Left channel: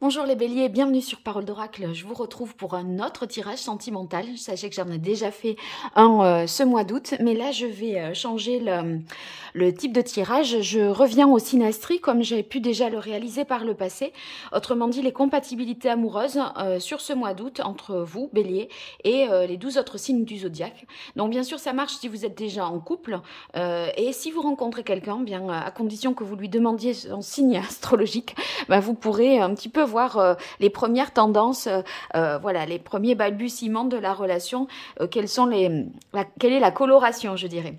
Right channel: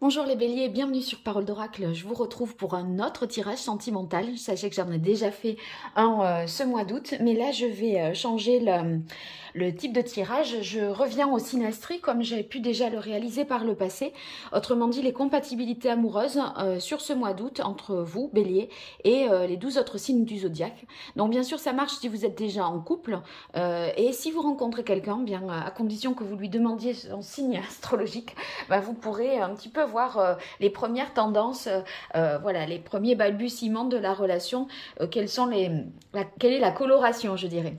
Bonjour les béliers, bienvenue sur Parole d'Oracle. Je vous retrouve pour un autre tirage sentimental. Sachez que j'en ai déjà fait un ce mois d'août, mais là je vais changer le type de tirage. Je reviens au synastrie comme j'ai pu déjà le réaliser par le passé. Autrement dit, les compatibilités amoureuses sur ce mois d'août entre vous, bélier, et les 12 autres signes du zodiaque. Donc bien sûr, ça marche si vous êtes déjà en couple et si vous rencontrez quelqu'un, bien à condition que vous lui demandiez son signe astrologique, ben, vous pourrez un petit peu voir les premières tendances, voilà, les premiers balbutiements de la relation, quelle est la coloration, je dirais.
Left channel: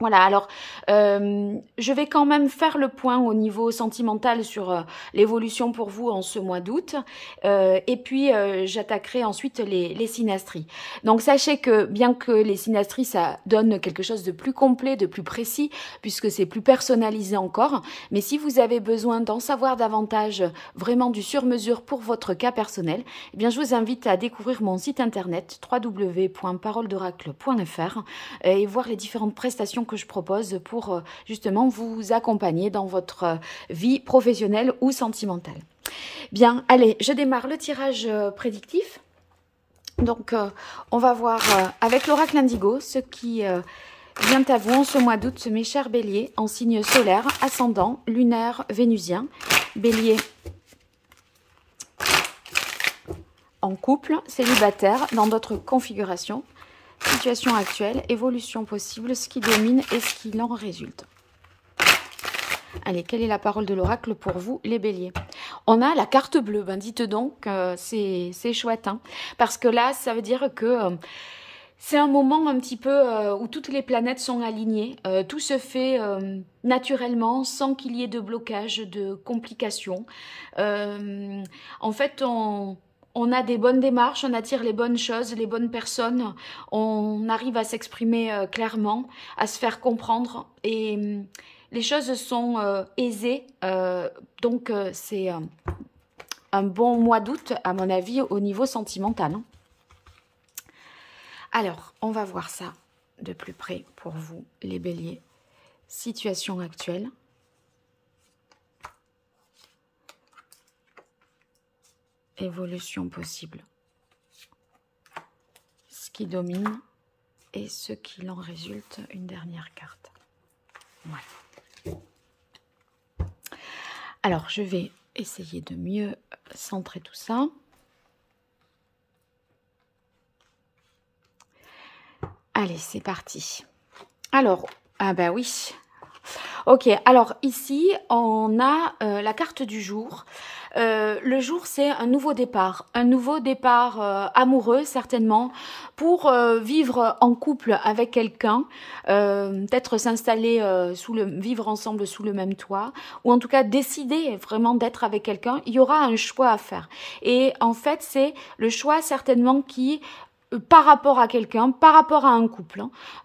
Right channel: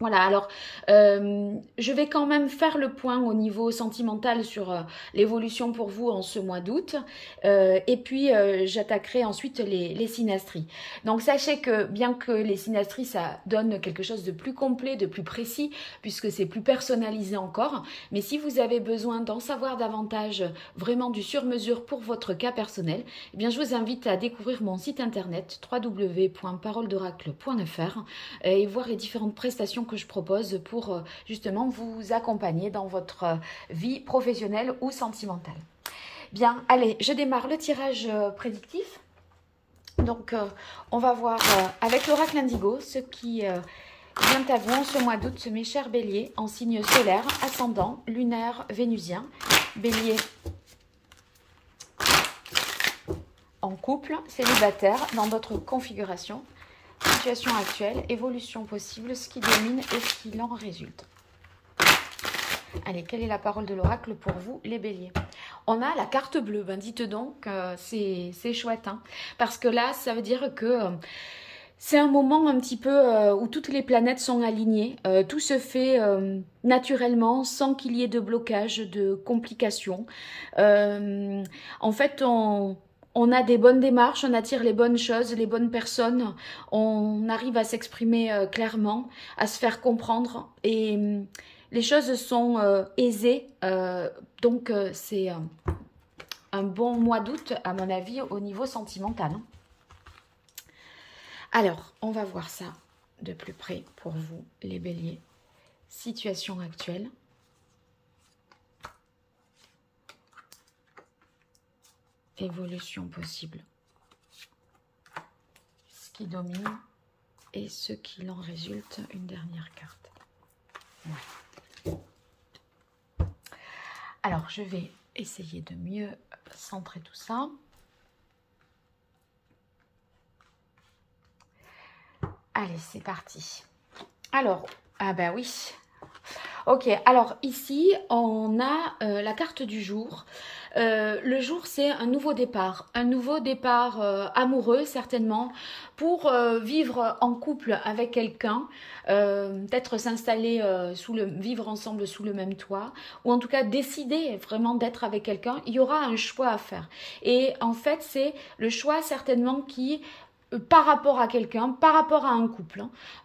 Voilà, alors je vais quand même faire le point au niveau sentimental sur l'évolution pour vous en ce mois d'août et puis j'attaquerai ensuite les synastries. Donc sachez que bien que les synastries ça donne quelque chose de plus complet, de plus précis puisque c'est plus personnalisé encore, mais si vous avez besoin d'en savoir davantage, vraiment du sur-mesure pour votre cas personnel, eh bien je vous invite à découvrir mon site internet www.paroledoracle.fr et voir les différentes prestations que je propose pour justement vous accompagner dans votre vie professionnelle ou sentimentale. Bien, allez, je démarre le tirage prédictif. Donc, on va voir avec l'oracle indigo ce qui vient à vous en ce mois d'août, mes chers béliers, en signe solaire, ascendant, lunaire, vénusien. Bélier en couple, célibataire, dans d'autres configurations. Situation actuelle, évolution possible, ce qui domine et ce qui en résulte. Allez, quelle est la parole de l'oracle pour vous, les béliers? On a la carte bleue, ben dites donc, c'est chouette, hein, parce que là, ça veut dire que c'est un moment un petit peu où toutes les planètes sont alignées, tout se fait naturellement, sans qu'il y ait de blocage, de complications. En fait, on a des bonnes démarches, on attire les bonnes choses, les bonnes personnes, on arrive à s'exprimer clairement, à se faire comprendre et les choses sont aisées. Donc c'est un bon mois d'août à mon avis au niveau sentimental. Hein. Alors, on va voir ça de plus près pour vous les béliers. Situation actuelle. Évolution possible. Ce qui domine et ce qu'il en résulte, une dernière carte. Ouais. Alors, je vais essayer de mieux centrer tout ça. Allez, c'est parti. Alors, ah ben oui. Ok, alors ici, on a la carte du jour. Le jour, c'est un nouveau départ amoureux certainement, pour vivre en couple avec quelqu'un, peut-être s'installer, vivre ensemble sous le même toit, ou en tout cas décider vraiment d'être avec quelqu'un. Il y aura un choix à faire. Et en fait, c'est le choix certainement qui par rapport à quelqu'un, par rapport à un couple.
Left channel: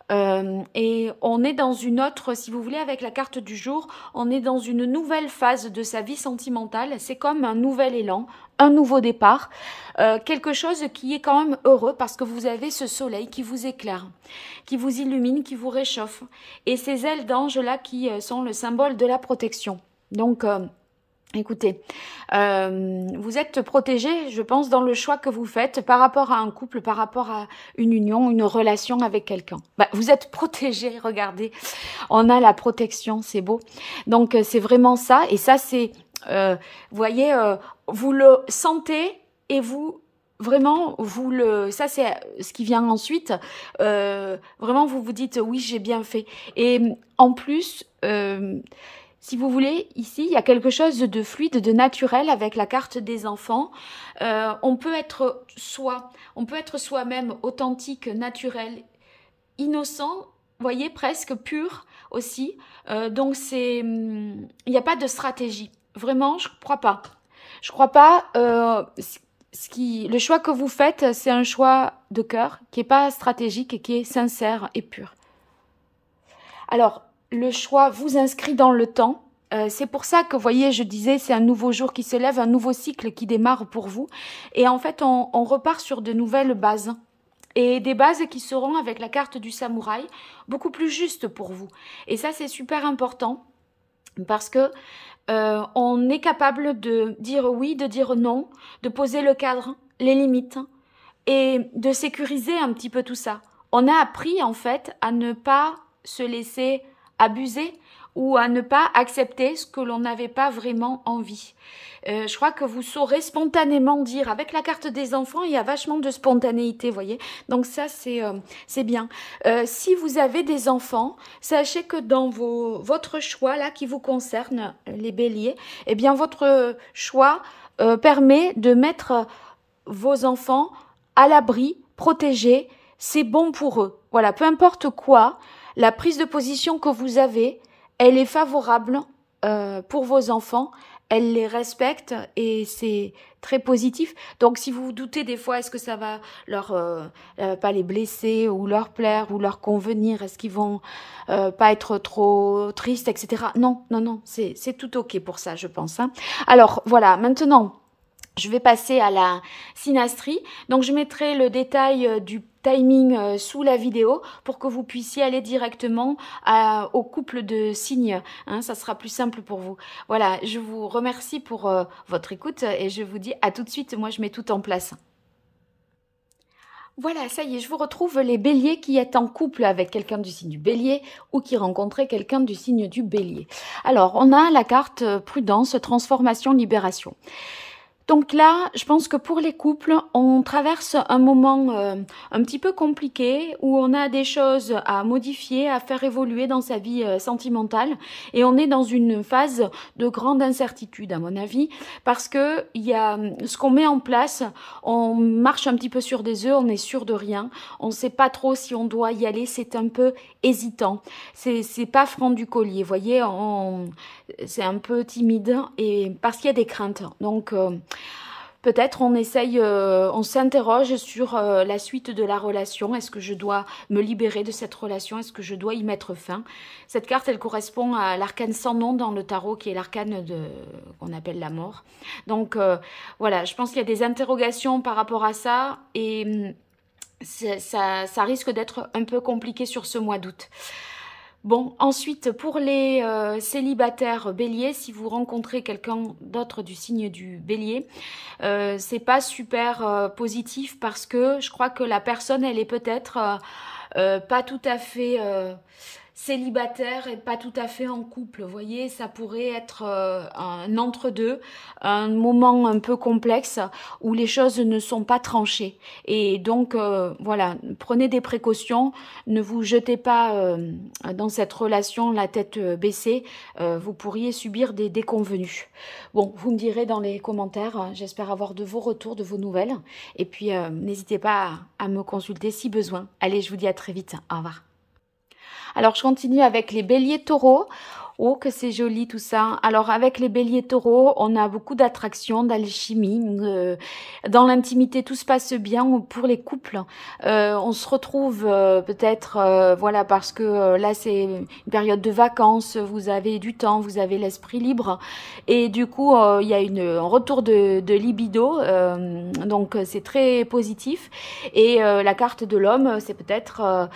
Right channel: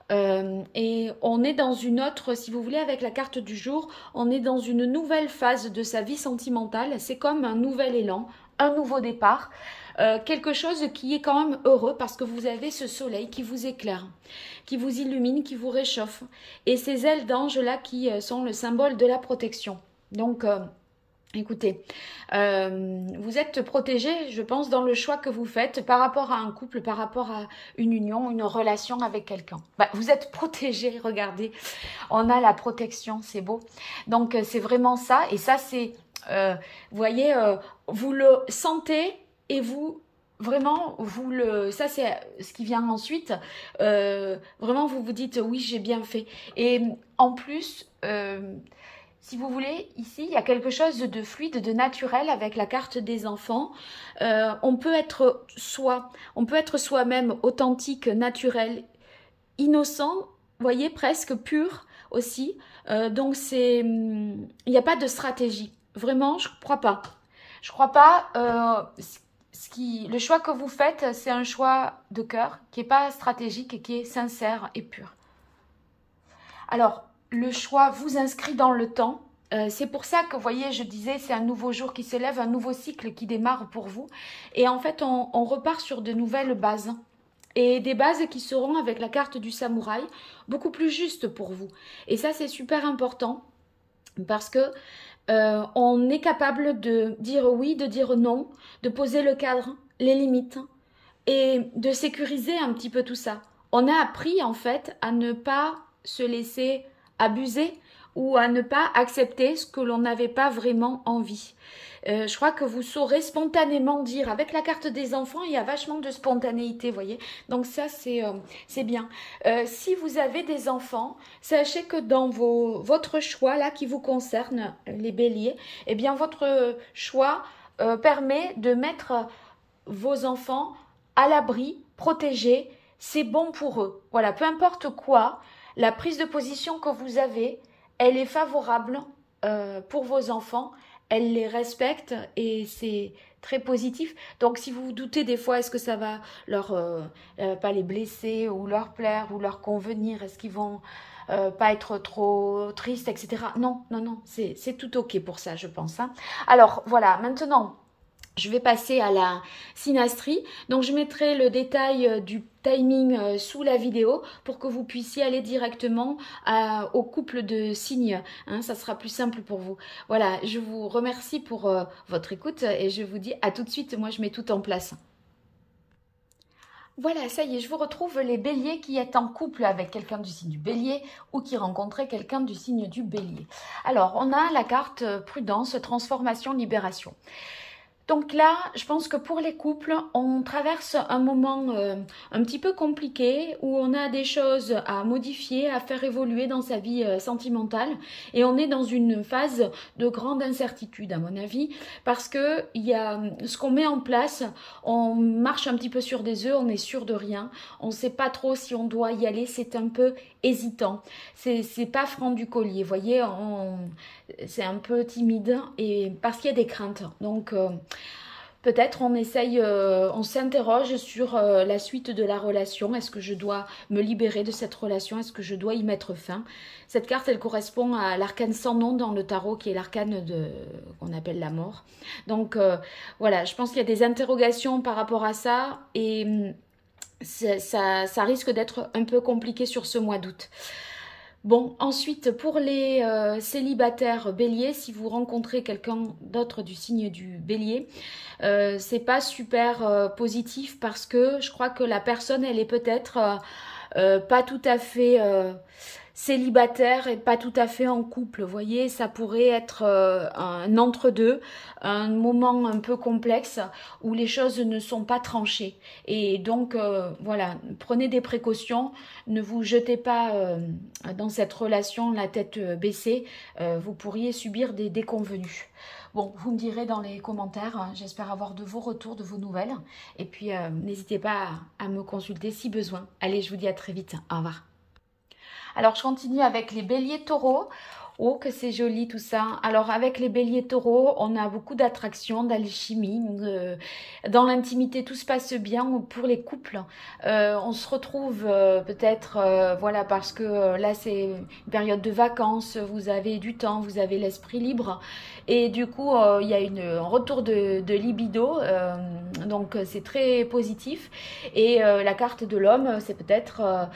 Hein. Et on est dans une autre, si vous voulez, avec la carte du jour, on est dans une nouvelle phase de sa vie sentimentale. C'est comme un nouvel élan, un nouveau départ. Quelque chose qui est quand même heureux parce que vous avez ce soleil qui vous éclaire, qui vous illumine, qui vous réchauffe. Et ces ailes d'ange-là qui sont le symbole de la protection. Donc... écoutez, vous êtes protégé, je pense, dans le choix que vous faites par rapport à un couple, par rapport à une union, une relation avec quelqu'un. Bah, vous êtes protégé, regardez, on a la protection, c'est beau. Donc, c'est vraiment ça. Et ça, c'est, vous voyez, vous le sentez et vous... Vraiment, ça c'est ce qui vient ensuite. Vraiment, vous vous dites, oui, j'ai bien fait. Et en plus... si vous voulez, ici, il y a quelque chose de fluide, de naturel avec la carte des enfants. On peut être soi-même authentique, naturel, innocent, voyez, presque pur aussi. Donc, il n'y a pas de stratégie. Vraiment, je ne crois pas. Je ne crois pas. Le choix que vous faites, c'est un choix de cœur qui n'est pas stratégique et qui est sincère et pur. Alors, le choix vous inscrit dans le temps. C'est pour ça que, vous voyez, je disais, c'est un nouveau jour qui se lève, un nouveau cycle qui démarre pour vous. Et en fait, on repart sur de nouvelles bases. Et des bases qui seront, avec la carte du samouraï, beaucoup plus justes pour vous. Et ça, c'est super important parce que on est capable de dire oui, de dire non, de poser le cadre, les limites et de sécuriser un petit peu tout ça. On a appris en fait à ne pas se laisser abuser ou à ne pas accepter ce que l'on n'avait pas vraiment envie. Je crois que vous saurez spontanément dire, avec la carte des enfants, il y a vachement de spontanéité, vous voyez. Donc ça, c'est bien. Si vous avez des enfants, sachez que dans votre choix, là, qui vous concerne, les béliers, eh bien, votre choix permet de mettre vos enfants à l'abri, protégés. C'est bon pour eux. Voilà, peu importe quoi, la prise de position que vous avez, elle est favorable pour vos enfants. Elle les respecte et c'est très positif. Donc, si vous vous doutez des fois, est-ce que ça va leur pas les blesser ou leur plaire ou leur convenir, est-ce qu'ils vont pas être trop tristes, etc. Non, non, non, c'est tout ok pour ça, je pense. Hein. Alors, voilà, maintenant, je vais passer à la synastrie. Donc, je mettrai le détail du timing sous la vidéo pour que vous puissiez aller directement au couple de signes. Hein, ça sera plus simple pour vous. Voilà, je vous remercie pour votre écoute et je vous dis à tout de suite. Moi, je mets tout en place. Voilà, ça y est, je vous retrouve les béliers qui êtes en couple avec quelqu'un du signe du bélier ou qui rencontrez quelqu'un du signe du bélier. Alors, on a la carte prudence, transformation, libération. Donc là, je pense que pour les couples, on traverse un moment un petit peu compliqué où on a des choses à modifier, à faire évoluer dans sa vie sentimentale et on est dans une phase de grande incertitude à mon avis parce que il y a ce qu'on met en place, on marche un petit peu sur des œufs, on est sûr de rien, on ne sait pas trop si on doit y aller, c'est un peu hésitant, c'est pas franc du collier, vous voyez, c'est un peu timide et parce qu'il y a des craintes. Donc peut-être on essaye, on s'interroge sur la suite de la relation. Est-ce que je dois me libérer de cette relation? Est-ce que je dois y mettre fin? Cette carte, elle correspond à l'arcane sans nom dans le tarot, qui est l'arcane qu'on appelle la mort. Donc voilà, je pense qu'il y a des interrogations par rapport à ça et ça risque d'être un peu compliqué sur ce mois d'août. Bon, ensuite, pour les célibataires béliers, si vous rencontrez quelqu'un d'autre du signe du bélier, c'est pas super positif parce que je crois que la personne, elle est peut-être pas tout à fait célibataire et pas tout à fait en couple. Vous voyez, ça pourrait être un entre-deux, un moment un peu complexe où les choses ne sont pas tranchées. Et donc, voilà, prenez des précautions, ne vous jetez pas dans cette relation la tête baissée, vous pourriez subir des déconvenues. Bon, vous me direz dans les commentaires, j'espère avoir de vos retours, de vos nouvelles. Et puis, n'hésitez pas à me consulter si besoin. Allez, je vous dis à très vite. Au revoir. Alors, je continue avec les béliers taureaux. Oh, que c'est joli tout ça. Alors, avec les béliers taureaux, on a beaucoup d'attraction, d'alchimie. Dans l'intimité, tout se passe bien pour les couples. On se retrouve peut-être, voilà, parce que là, c'est une période de vacances. Vous avez du temps, vous avez l'esprit libre. Et du coup, il y a un retour de libido. Donc, c'est très positif. Et la carte de l'homme, c'est peut-être,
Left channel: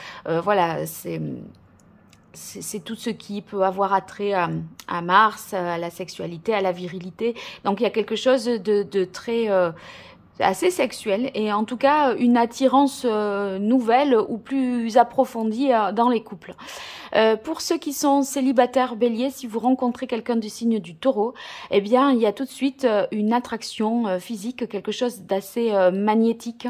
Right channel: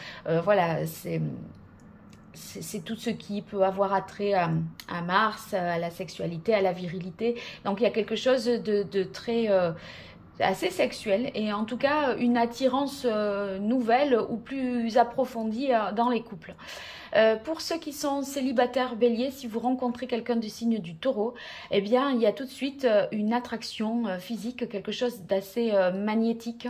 voilà, c'est tout ce qui peut avoir attrait à Mars, à la sexualité, à la virilité. Donc, il y a quelque chose de très assez sexuel et en tout cas une attirance nouvelle ou plus approfondie dans les couples. Pour ceux qui sont célibataires béliers, si vous rencontrez quelqu'un du signe du taureau, eh bien il y a tout de suite une attraction physique, quelque chose d'assez magnétique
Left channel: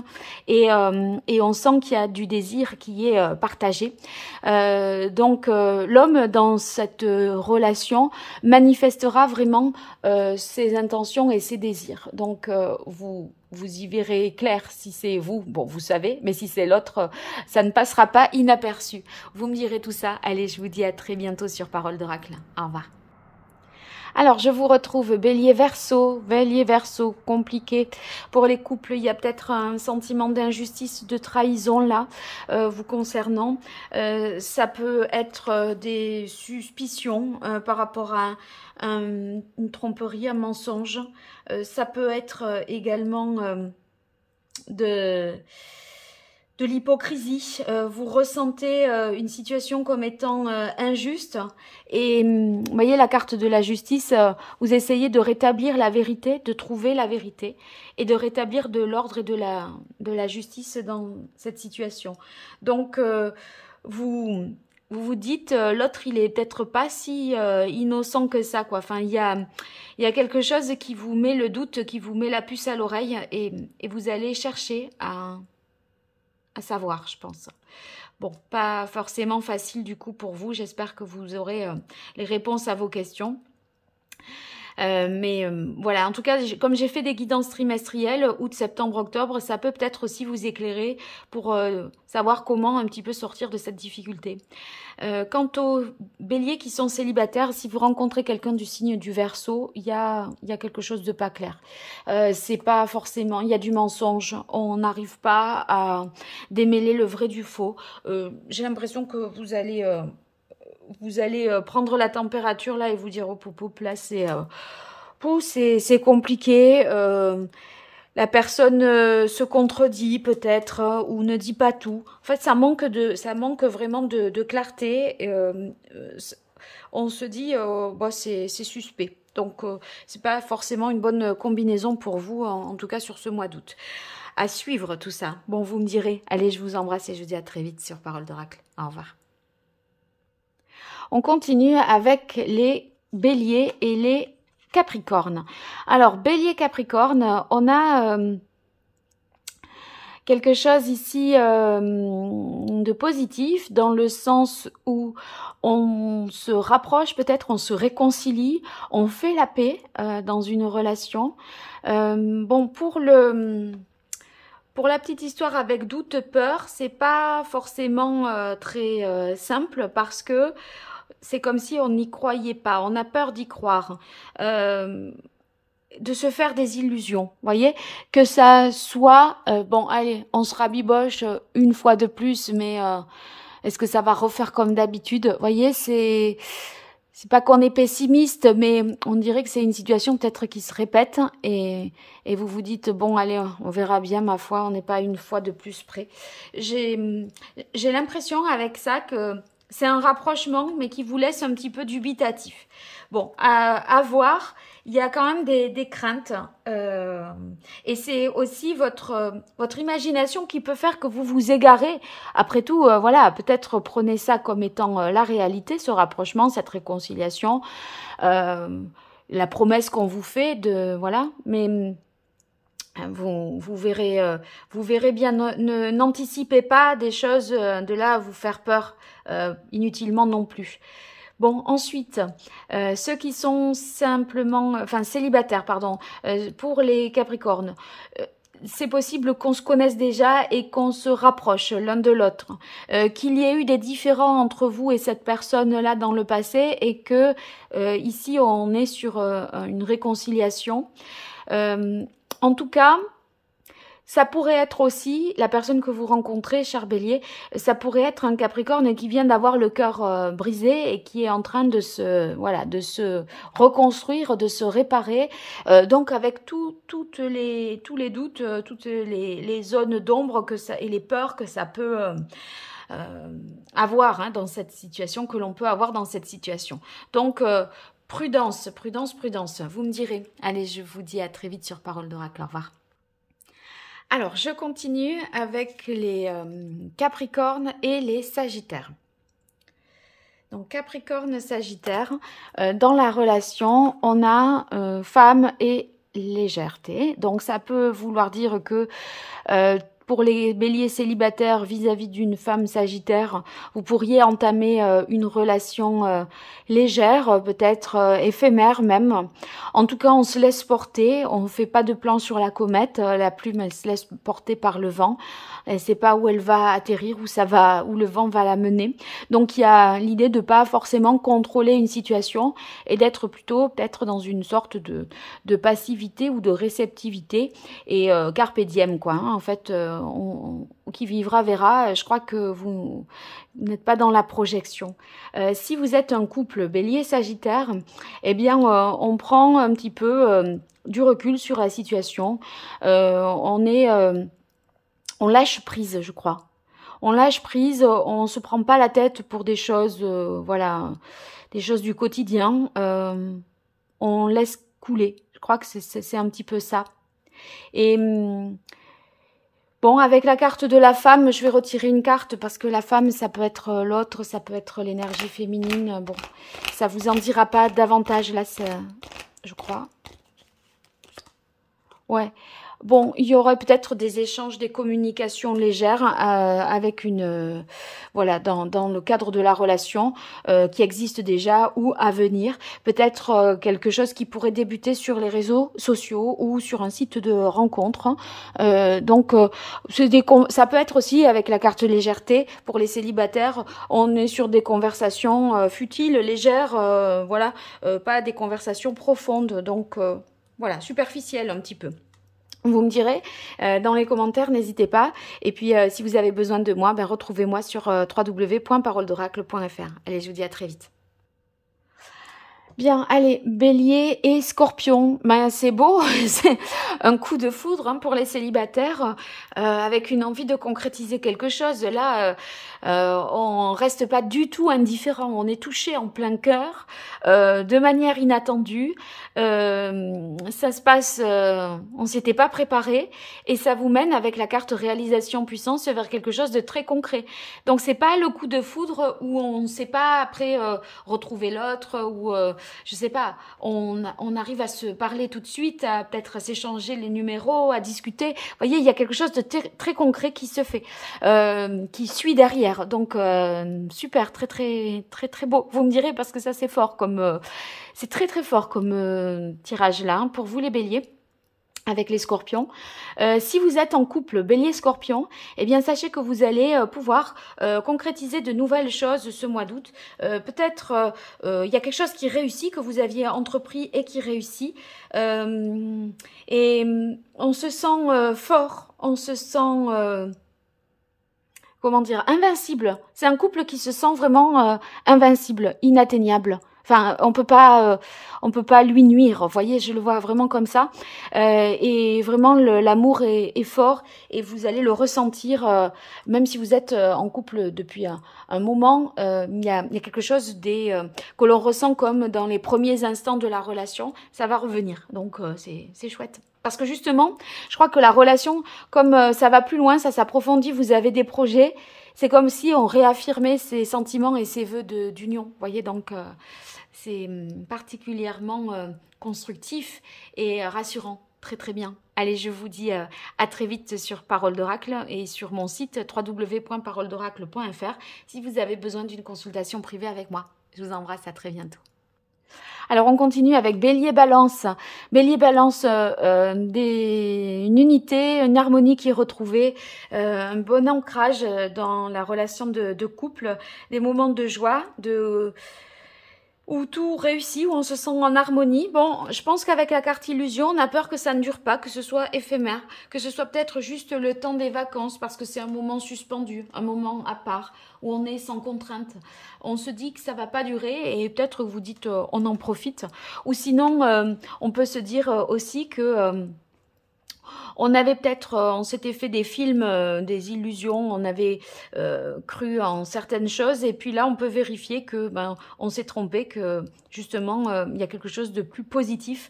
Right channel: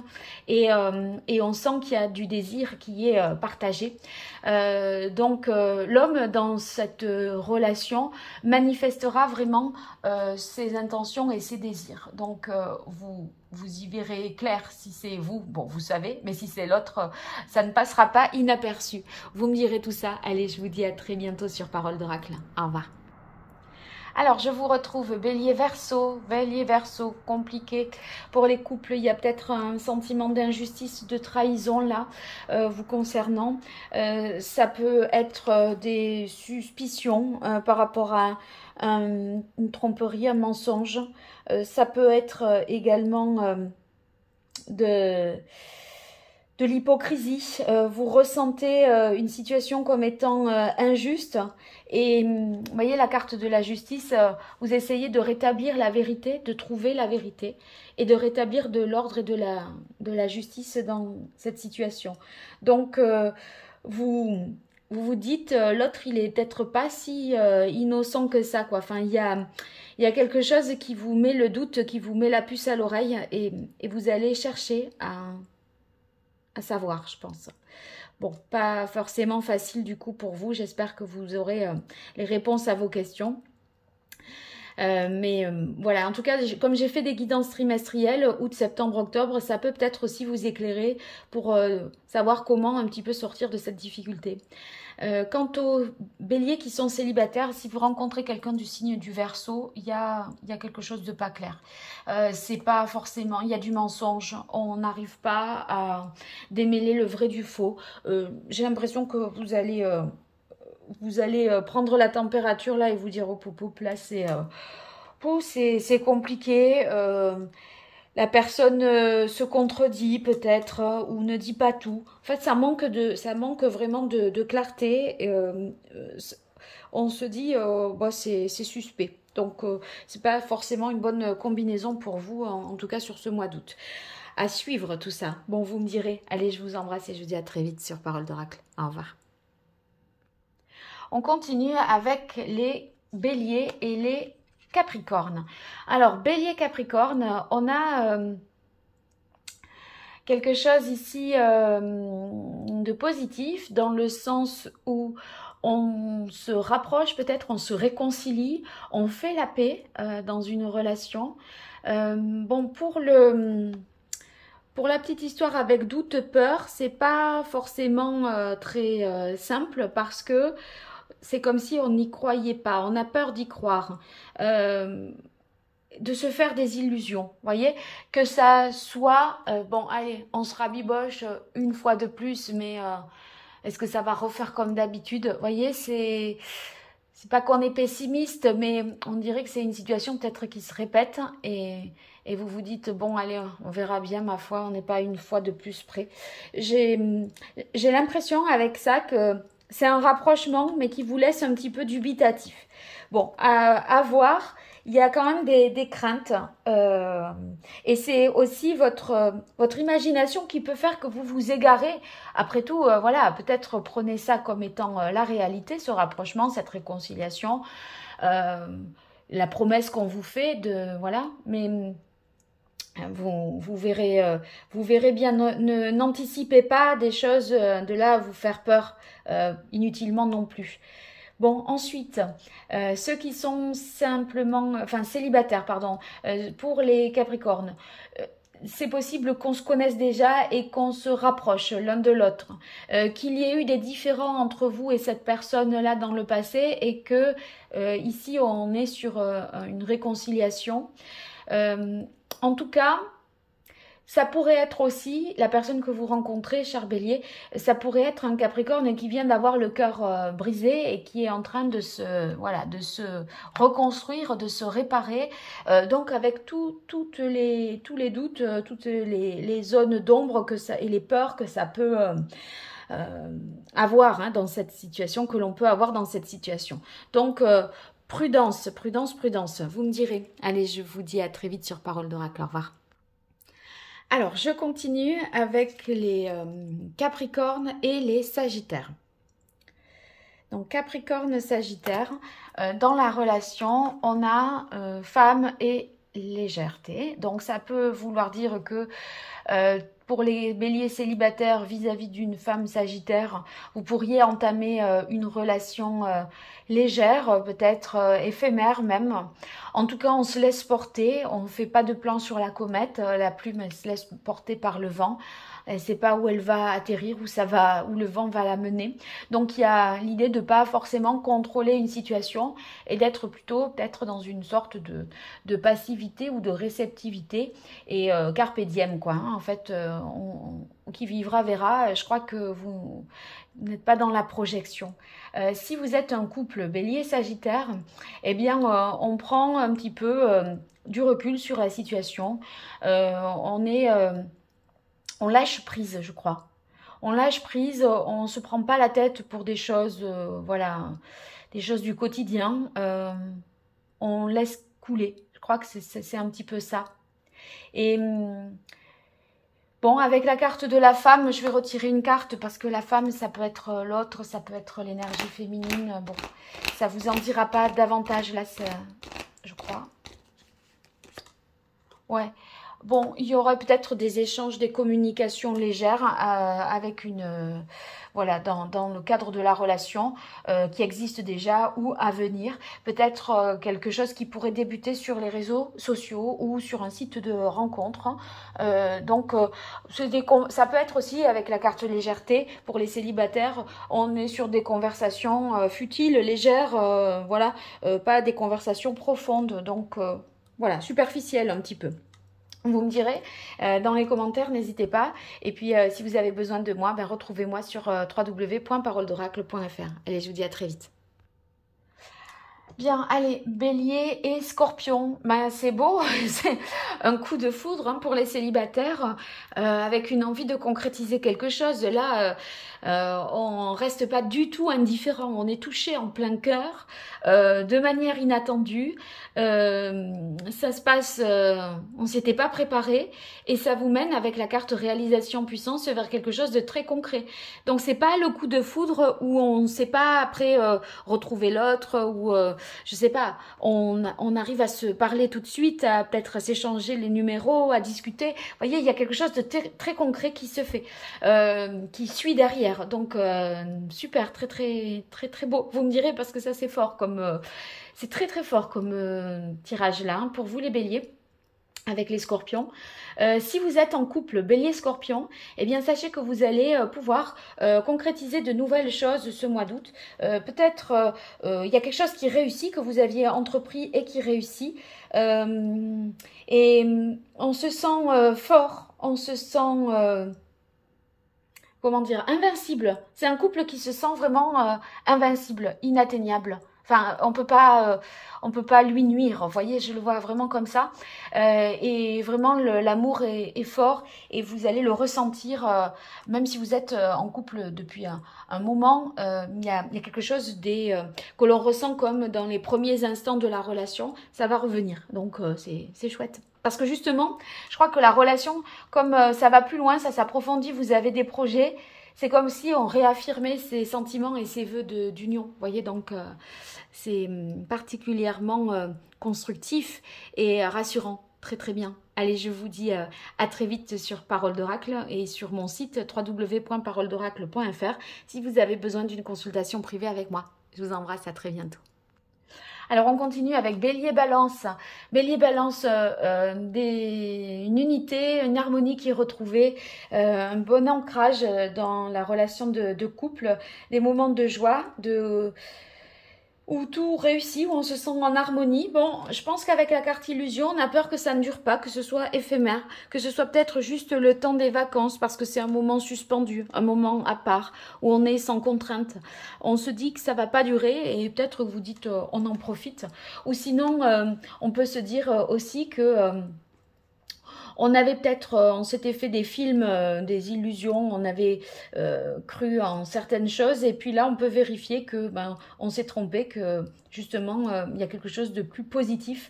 et on sent qu'il y a du désir qui est partagé. Donc l'homme dans cette relation manifestera vraiment ses intentions et ses désirs. Donc vous y verrez clair si c'est vous, bon vous savez, mais si c'est l'autre, ça ne passera pas inaperçu. Vous me direz tout ça. Allez, je vous dis à très bientôt sur Parole d'Oracle. Au revoir. Alors, je vous retrouve Bélier Verseau, compliqué. Pour les couples, il y a peut-être un sentiment d'injustice, de trahison là, vous concernant. Ça peut être des suspicions par rapport à une tromperie, un mensonge. Ça peut être également de l'hypocrisie. Vous ressentez une situation comme étant injuste Et vous voyez la carte de la justice, vous essayez de rétablir la vérité, de trouver la vérité et de rétablir de l'ordre et de la justice dans cette situation. Donc, vous vous dites, l'autre, il est peut-être pas si innocent que ça, quoi. Enfin, il y a quelque chose qui vous met le doute, qui vous met la puce à l'oreille et vous allez chercher à savoir, je pense. Bon, pas forcément facile du coup pour vous. J'espère que vous aurez les réponses à vos questions. Voilà, en tout cas, comme j'ai fait des guidances trimestrielles, août, septembre, octobre, ça peut peut-être aussi vous éclairer pour savoir comment un petit peu sortir de cette difficulté. Quant aux béliers qui sont célibataires, si vous rencontrez quelqu'un du signe du Verseau, il y a quelque chose de pas clair. C'est pas forcément, il y a du mensonge, on n'arrive pas à démêler le vrai du faux. J'ai l'impression que vous allez prendre la température là et vous dire, oh poup, là c'est compliqué. La personne se contredit peut-être ou ne dit pas tout. En fait, ça manque vraiment de clarté. On se dit, bah, c'est suspect. Donc, c'est pas forcément une bonne combinaison pour vous, en tout cas sur ce mois d'août. À suivre tout ça. Bon, vous me direz. Allez, je vous embrasse et je vous dis à très vite sur Parole d'Oracle. Au revoir. On continue avec les béliers et les Capricorne. Alors, Bélier Capricorne, on a quelque chose ici de positif dans le sens où on se rapproche, peut-être on se réconcilie, on fait la paix dans une relation. Bon, pour la petite histoire avec doute, peur, c'est pas forcément très simple parce que c'est comme si on n'y croyait pas, on a peur d'y croire, de se faire des illusions, voyez, que ça soit, bon allez, on se rabiboche une fois de plus, mais est-ce que ça va refaire comme d'habitude, voyez, c'est pas qu'on est pessimiste, mais on dirait que c'est une situation peut-être qui se répète, et vous vous dites, bon allez, on verra bien, ma foi, on n'est pas une fois de plus près. J'ai l'impression avec ça que c'est un rapprochement, mais qui vous laisse un petit peu dubitatif. Bon, à voir, il y a quand même des craintes. Et c'est aussi votre imagination qui peut faire que vous vous égarez. Après tout, voilà, peut-être prenez ça comme étant la réalité, ce rapprochement, cette réconciliation, la promesse qu'on vous fait, voilà, mais... Vous verrez bien, n'anticipez pas des choses de là à vous faire peur inutilement non plus. Bon, ensuite, ceux qui sont simplement, enfin célibataires, pardon, pour les Capricornes, c'est possible qu'on se connaisse déjà et qu'on se rapproche l'un de l'autre, qu'il y ait eu des différends entre vous et cette personne-là dans le passé et que ici on est sur une réconciliation. En tout cas, ça pourrait être aussi, la personne que vous rencontrez, cher Bélier, ça pourrait être un Capricorne qui vient d'avoir le cœur brisé et qui est en train de se reconstruire, de se réparer. Donc avec tous les doutes, toutes les zones d'ombre et les peurs que ça peut avoir dans cette situation, que l'on peut avoir dans cette situation. Donc... prudence, prudence, prudence, vous me direz. Allez, je vous dis à très vite sur Parole d'Oracle. Au revoir. Alors, je continue avec les Capricornes et les Sagittaires. Donc, Capricorne, Sagittaire, dans la relation, on a femme et légèreté. Donc, ça peut vouloir dire que... pour les béliers célibataires vis-à-vis d'une femme sagittaire, vous pourriez entamer une relation légère, peut-être éphémère même. En tout cas, on se laisse porter, on ne fait pas de plan sur la comète, la plume elle se laisse porter par le vent. Elle ne sait pas où elle va atterrir, où le vent va la mener. Donc il y a l'idée de ne pas forcément contrôler une situation et d'être plutôt peut-être dans une sorte de passivité ou de réceptivité et carpe diem quoi. En fait, qui vivra verra. Je crois que vous n'êtes pas dans la projection. Si vous êtes un couple Bélier-Sagittaire, eh bien on prend un petit peu du recul sur la situation. On lâche prise, je crois. On lâche prise, on ne se prend pas la tête pour des choses, voilà, des choses du quotidien, on laisse couler. Je crois que c'est un petit peu ça. Et bon, avec la carte de la femme, je vais retirer une carte parce que la femme, ça peut être l'autre, ça peut être l'énergie féminine. Bon, ça vous en dira pas davantage là, je crois. Ouais. Bon, il y aurait peut-être des échanges, des communications légères avec une... voilà, dans le cadre de la relation qui existe déjà ou à venir. Peut-être quelque chose qui pourrait débuter sur les réseaux sociaux ou sur un site de rencontre. Donc, ça peut être aussi avec la carte légèreté pour les célibataires. On est sur des conversations futiles, légères, voilà, pas des conversations profondes. Donc, voilà, superficielles un petit peu. Vous me direz dans les commentaires, n'hésitez pas. Et puis, si vous avez besoin de moi, ben, retrouvez-moi sur www.paroledoracle.fr. Allez, je vous dis à très vite. Bien, allez, Bélier et Scorpion, ben, c'est beau, c'est un coup de foudre hein, pour les célibataires, avec une envie de concrétiser quelque chose. Là, on reste pas du tout indifférent, on est touché en plein cœur, de manière inattendue. Ça se passe, on s'était pas préparé et ça vous mène avec la carte réalisation puissance vers quelque chose de très concret. Donc c'est pas le coup de foudre où on ne sait pas après retrouver l'autre ou je sais pas, on arrive à se parler tout de suite, à peut-être s'échanger les numéros, à discuter. Vous voyez, il y a quelque chose de très concret qui se fait, qui suit derrière. Donc super, très beau. Vous me direz parce que ça c'est fort comme c'est très fort comme tirage là hein, pour vous les béliers avec les scorpions. Si vous êtes en couple bélier-scorpion, eh bien sachez que vous allez pouvoir concrétiser de nouvelles choses ce mois d'août. Peut-être il y a quelque chose qui réussit, que vous aviez entrepris et qui réussit. Et on se sent fort, on se sent... comment dire, invincible. C'est un couple qui se sent vraiment invincible, inatteignable. Enfin, on peut pas lui nuire. Vous voyez, je le vois vraiment comme ça. Et vraiment, l'amour est fort et vous allez le ressentir, même si vous êtes en couple depuis un moment. Il y a quelque chose que l'on ressent comme dans les premiers instants de la relation. Ça va revenir. Donc, c'est chouette. Parce que justement, je crois que la relation, comme ça va plus loin, ça s'approfondit, vous avez des projets, c'est comme si on réaffirmait ses sentiments et ses vœux d'union. Vous voyez, donc c'est particulièrement constructif et rassurant. Très bien. Allez, je vous dis à très vite sur Parole d'Oracle et sur mon site www.paroledoracle.fr si vous avez besoin d'une consultation privée avec moi. Je vous embrasse, à très bientôt. Alors, on continue avec Bélier-Balance. Bélier-Balance, une unité, une harmonie qui est retrouvée, un bon ancrage dans la relation de couple, des moments de joie, où tout réussit, où on se sent en harmonie. Bon, je pense qu'avec la carte illusion, on a peur que ça ne dure pas, que ce soit éphémère, que ce soit peut-être juste le temps des vacances, parce que c'est un moment suspendu, un moment à part, où on est sans contrainte. On se dit que ça va pas durer, et peut-être vous dites on en profite. Ou sinon, on peut se dire aussi que... on avait peut-être, on s'était fait des films, des illusions, on avait cru en certaines choses et puis là on peut vérifier que on s'est trompé, que justement il y a quelque chose de plus positif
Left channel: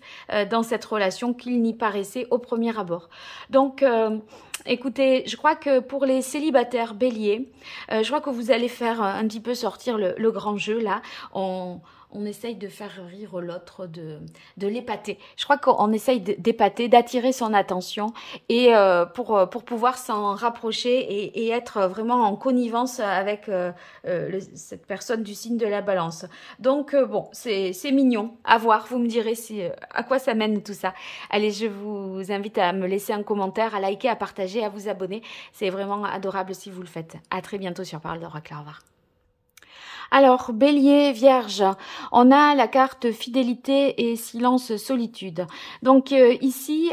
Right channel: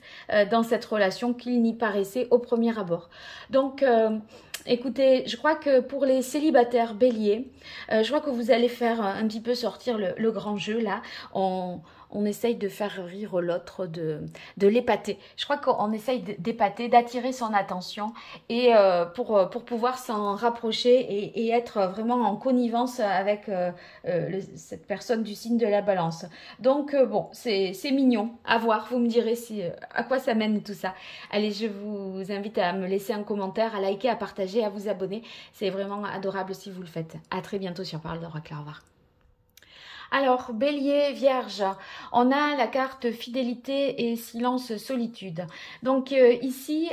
dans cette relation qu'il n'y paraissait au premier abord. Donc écoutez, je crois que pour les célibataires béliers, je crois que vous allez faire un petit peu sortir le grand jeu là. On essaye de faire rire l'autre, de l'épater. Je crois qu'on essaye d'épater, d'attirer son attention et pour pouvoir s'en rapprocher et être vraiment en connivence avec cette personne du signe de la balance. Donc bon, c'est mignon à voir. Vous me direz à quoi ça mène tout ça. Allez, je vous invite à me laisser un commentaire, à liker, à partager, à vous abonner. C'est vraiment adorable si vous le faites. À très bientôt sur Parole d'Oracle. Au revoir. Alors, Bélier, Vierge, on a la carte fidélité et silence solitude. Donc ici,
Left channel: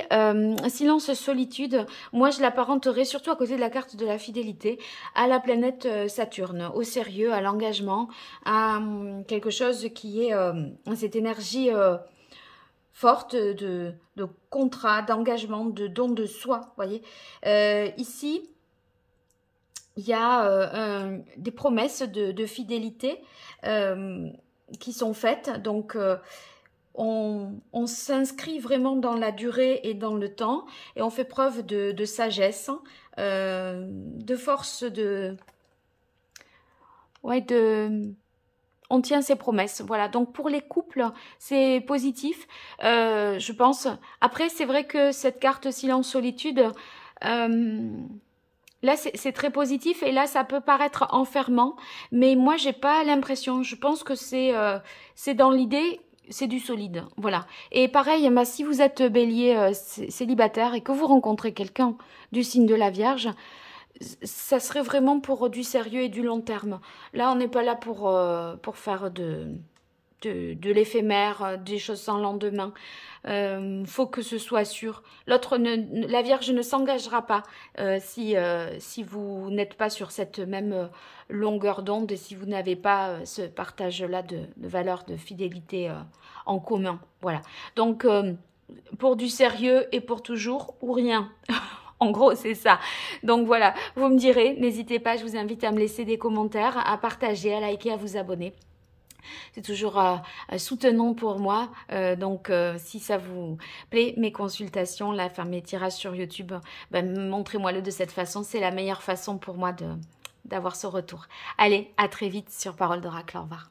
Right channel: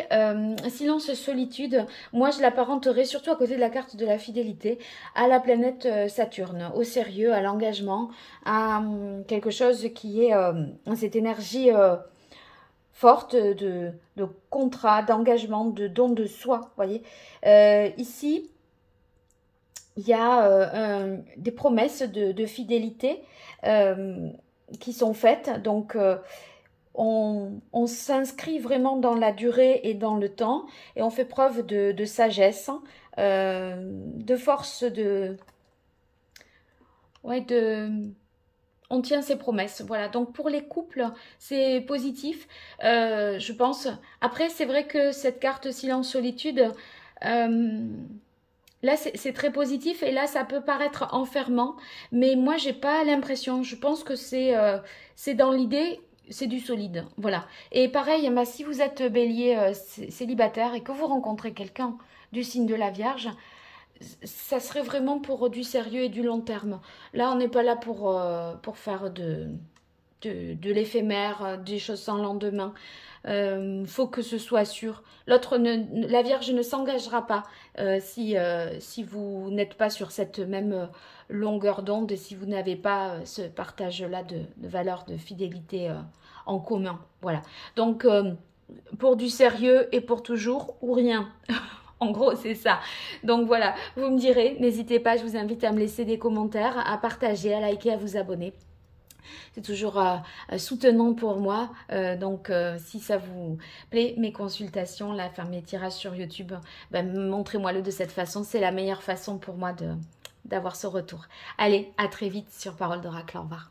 silence solitude, moi je l'apparenterai surtout à côté de la carte de la fidélité à la planète Saturne, au sérieux, à l'engagement, à quelque chose qui est cette énergie forte de contrat, d'engagement, de don de soi, vous voyez. Ici, il y a des promesses de fidélité qui sont faites. Donc, on s'inscrit vraiment dans la durée et dans le temps. Et on fait preuve de sagesse, de force, ouais, on tient ses promesses. Voilà, donc pour les couples, c'est positif, je pense. Après, c'est vrai que cette carte silence-solitude, là, c'est très positif et là, ça peut paraître enfermant. Mais moi, j'ai pas l'impression. Je pense que c'est dans l'idée, c'est du solide. Voilà. Et pareil, bah, si vous êtes bélier célibataire et que vous rencontrez quelqu'un du signe de la Vierge, ça serait vraiment pour du sérieux et du long terme. Là, on n'est pas là pour faire de l'éphémère, des choses sans lendemain. Faut que ce soit sûr. La Vierge ne s'engagera pas si vous n'êtes pas sur cette même longueur d'onde et si vous n'avez pas ce partage-là de valeurs, de fidélité en commun. Voilà. Donc, pour du sérieux et pour toujours ou rien. En gros, c'est ça. Donc voilà, vous me direz, n'hésitez pas, je vous invite à me laisser des commentaires, à partager, à liker, à vous abonner. C'est toujours soutenant pour moi. Donc, si ça vous plaît, mes consultations, là, faire mes tirages sur YouTube, ben, montrez-moi-le de cette façon. C'est la meilleure façon pour moi d'avoir ce retour. Allez, à très vite sur Parole d'Oracle. Au revoir.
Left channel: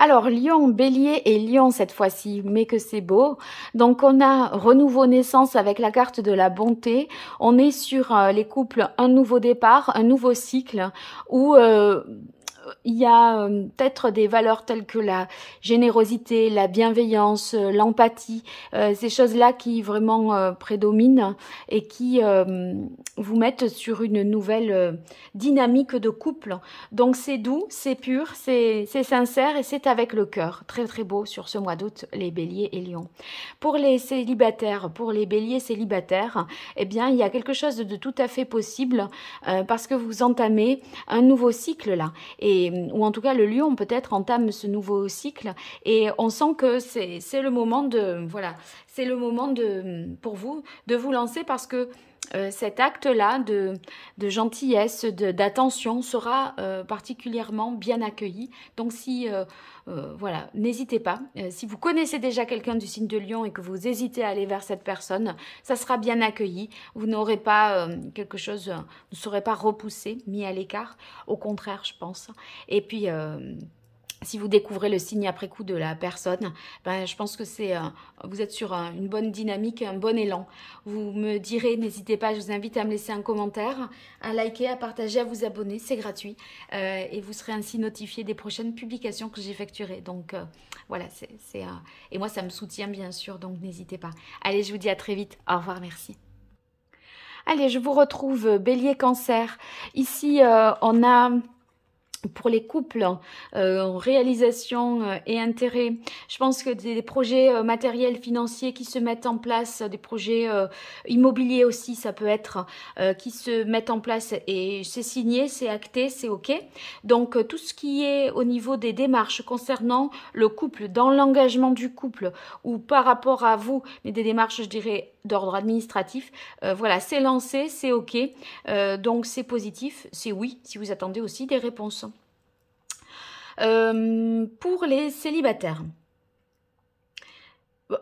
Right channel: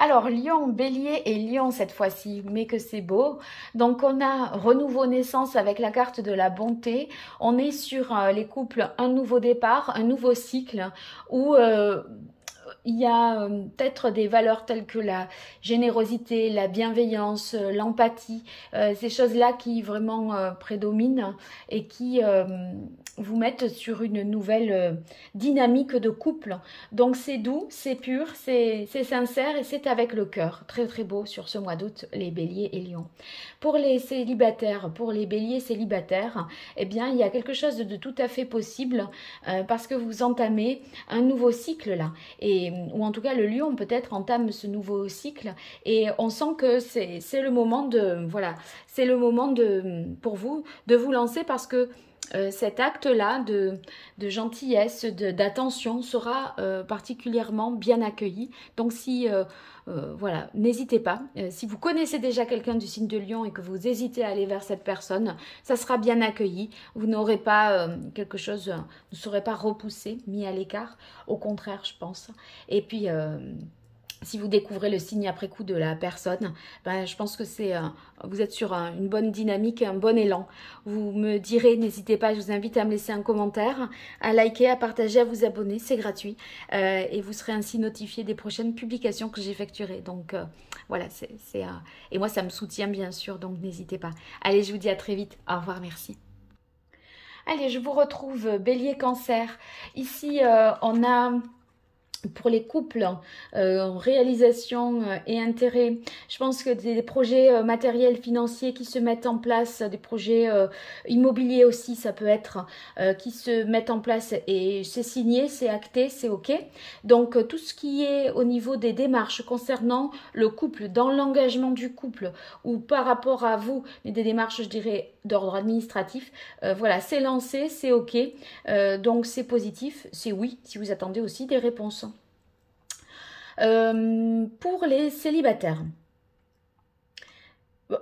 Alors, Lion, Bélier et Lion cette fois-ci, mais que c'est beau. Donc, on a renouveau naissance avec la carte de la bonté. On est sur les couples, un nouveau départ, un nouveau cycle où il y a peut-être des valeurs telles que la générosité, la bienveillance, l'empathie, ces choses-là qui vraiment prédominent et qui vous mettent sur une nouvelle dynamique de couple. Donc c'est doux, c'est pur, c'est sincère et c'est avec le cœur. Très très beau sur ce mois d'août, les béliers et lions. Pour les célibataires, pour les béliers célibataires, eh bien, il y a quelque chose de tout à fait possible parce que vous entamez un nouveau cycle là. Ou en tout cas, le lion peut-être entame ce nouveau cycle et on sent que c'est le moment de, voilà, c'est le moment pour vous de vous lancer parce que cet acte-là de gentillesse, d'attention sera particulièrement bien accueilli. Donc si voilà, n'hésitez pas. Si vous connaissez déjà quelqu'un du signe de Lion et que vous hésitez à aller vers cette personne, ça sera bien accueilli. Vous n'aurez pas quelque chose, ne serez pas repoussé, mis à l'écart. Au contraire, je pense. Et puis, si vous découvrez le signe après coup de la personne, ben, je pense que vous êtes sur une bonne dynamique, un bon élan. Vous me direz, n'hésitez pas, je vous invite à me laisser un commentaire, à liker, à partager, à vous abonner, c'est gratuit. Et vous serez ainsi notifié des prochaines publications que j'effectuerai. Donc voilà, et moi ça me soutient bien sûr, donc n'hésitez pas. Allez, je vous dis à très vite. Au revoir, merci. Allez, je vous retrouve Bélier Cancer. Ici, on a... Pour les couples, réalisation et intérêt, je pense que des projets matériels, financiers qui se mettent en place, des projets immobiliers aussi, ça peut être, qui se mettent en place et c'est signé, c'est acté, c'est OK. Donc, tout ce qui est au niveau des démarches concernant le couple, dans l'engagement du couple ou par rapport à vous, mais des démarches, je dirais, d'ordre administratif, voilà, c'est lancé, c'est OK. Donc, c'est positif, c'est oui, si vous attendez aussi des réponses. Pour les célibataires,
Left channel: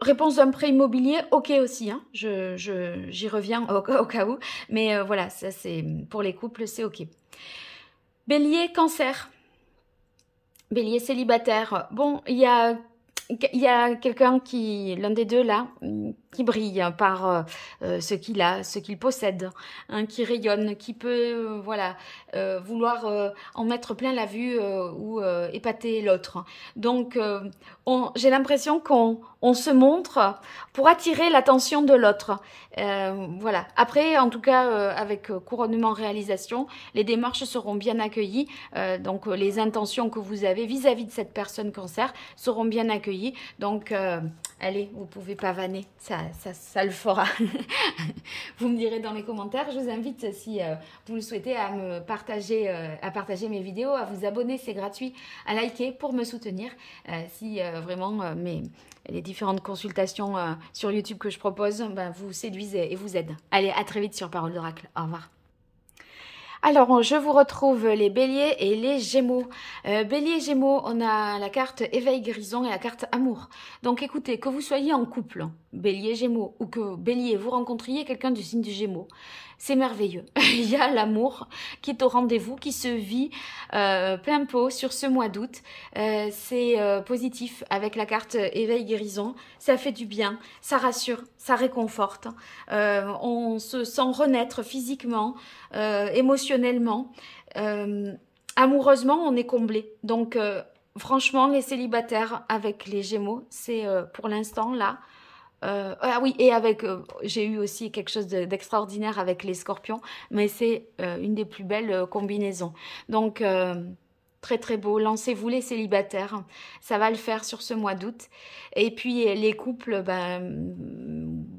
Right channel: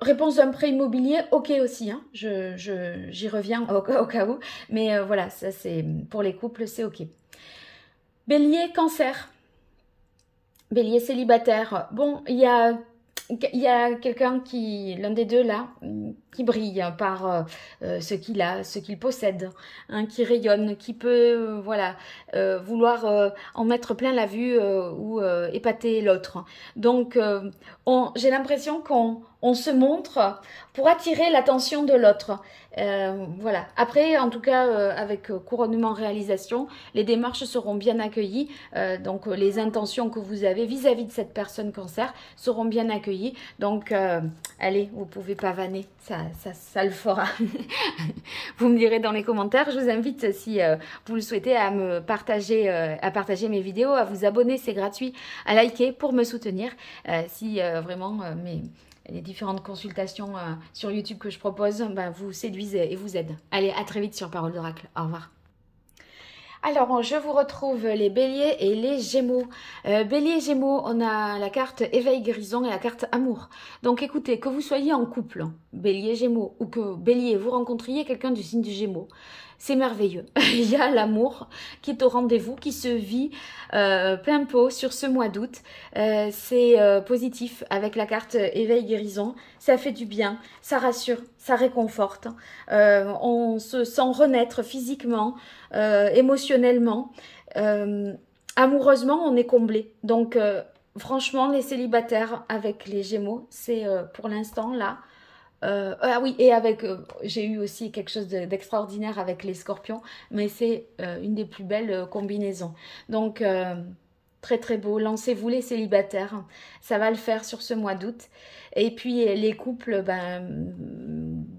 réponse d'un prêt immobilier, ok aussi, hein, j'y reviens au cas où, mais voilà, ça c'est pour les couples, c'est ok. Bélier, Cancer, Bélier célibataire, bon, il y a quelqu'un l'un des deux là, qui brille par ce qu'il a, ce qu'il possède, hein, qui rayonne, qui peut, voilà, vouloir en mettre plein la vue ou épater l'autre. Donc, j'ai l'impression qu'on se montre pour attirer l'attention de l'autre. Voilà. Après, en tout cas, avec couronnement réalisation, les démarches seront bien accueillies. Donc, les intentions que vous avez vis-à-vis de cette personne cancer seront bien accueillies. Donc, allez, vous pouvez pavaner, ça le fera. Vous me direz dans les commentaires. Je vous invite, si vous le souhaitez, à partager mes vidéos, à vous abonner, c'est gratuit, à liker pour me soutenir. Si vraiment les différentes consultations sur YouTube que je propose, ben, vous séduisent et vous aident. Allez, à très vite sur Parole d'Oracle. Au revoir. Alors, je vous retrouve les béliers et les gémeaux. Bélier, gémeaux, on a la carte éveil guérison et la carte amour. Donc, écoutez, que vous soyez en couple, bélier, gémeaux, ou que bélier, vous rencontriez quelqu'un du signe du gémeaux, c'est merveilleux. Il y a l'amour qui est au rendez-vous, qui se vit plein pot sur ce mois d'août. C'est positif avec la carte éveil guérison. Ça fait du bien, ça rassure, ça réconforte. On se sent renaître physiquement, émotionnellement. Amoureusement, on est comblé. Donc, franchement, les célibataires avec les gémeaux, c'est pour l'instant là. Ah oui, et avec, j'ai eu aussi quelque chose d'extraordinaire avec les scorpions, mais c'est une des plus belles combinaisons. Donc, très très beau. Lancez-vous les célibataires, ça va le faire sur ce mois d'août. Et puis les couples, ben,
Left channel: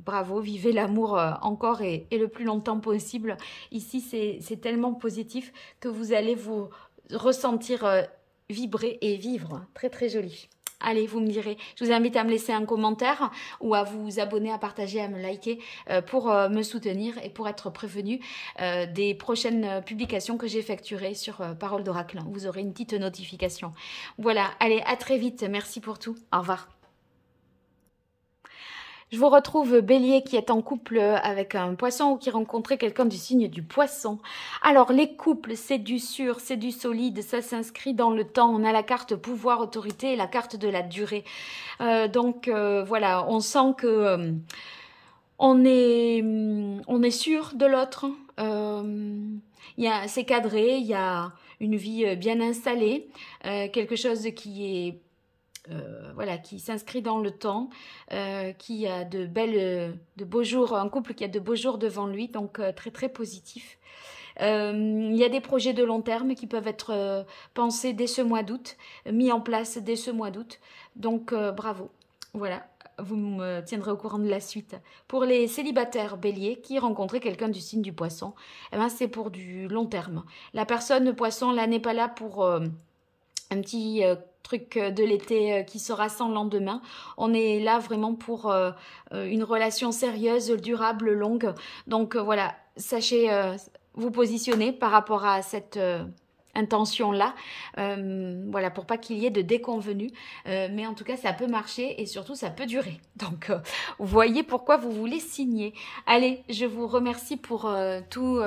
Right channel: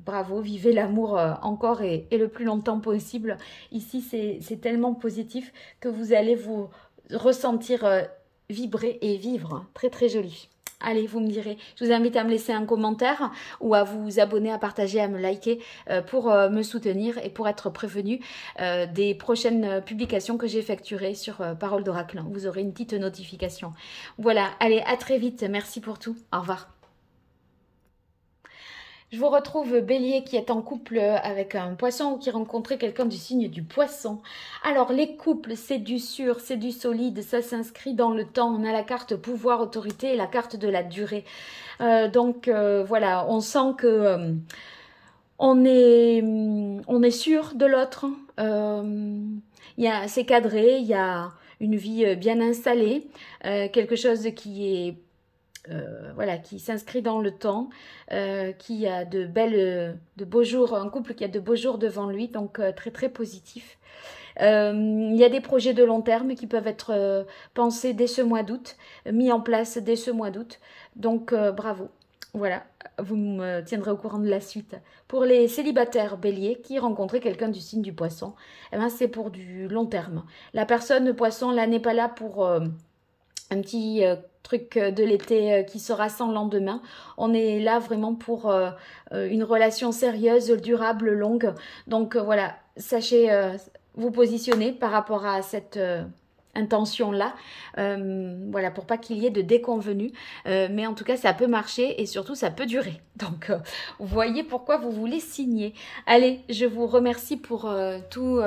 bravo, vivez l'amour encore et le plus longtemps possible. Ici, c'est tellement positif que vous allez vous ressentir vibrer et vivre. Très très joli. Allez, vous me direz. Je vous invite à me laisser un commentaire ou à vous abonner, à partager, à me liker pour me soutenir et pour être prévenu des prochaines publications que j'effectuerai sur Parole d'Oracle. Vous aurez une petite notification. Voilà, allez, à très vite. Merci pour tout. Au revoir. Je vous retrouve bélier qui est en couple avec un poisson ou qui rencontrait quelqu'un du signe du poisson. Alors les couples, c'est du sûr, c'est du solide, ça s'inscrit dans le temps. On a la carte pouvoir, autorité et la carte de la durée. Donc voilà, on sent que on est sûr de l'autre. C'est cadré, il y a une vie bien installée, quelque chose qui est voilà, qui s'inscrit dans le temps, qui a de beaux jours, un couple qui a de beaux jours devant lui, donc très très positif. Il y a des projets de long terme qui peuvent être pensés dès ce mois d'août, mis en place dès ce mois d'août, donc bravo. Voilà, vous me tiendrez au courant de la suite. Pour les célibataires béliers qui rencontraient quelqu'un du signe du poisson, eh ben, c'est pour du long terme. La personne poisson là n'est pas là pour un petit truc de l'été qui sera sans lendemain. On est là vraiment pour une relation sérieuse, durable, longue. Donc voilà, sachez vous positionner par rapport à cette intention-là, voilà, pour pas qu'il y ait de déconvenus, mais en tout cas ça peut marcher et surtout ça peut durer, donc vous voyez pourquoi vous voulez signer. Allez, je vous remercie pour tout,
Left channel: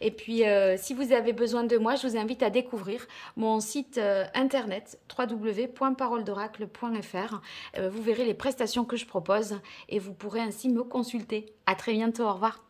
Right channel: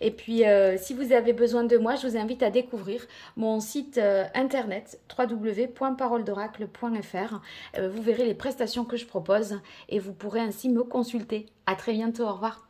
et puis si vous avez besoin de moi, je vous invite à découvrir mon site internet www.paroledoracle.fr. Vous verrez les prestations que je propose et vous pourrez ainsi me consulter. À très bientôt, au revoir.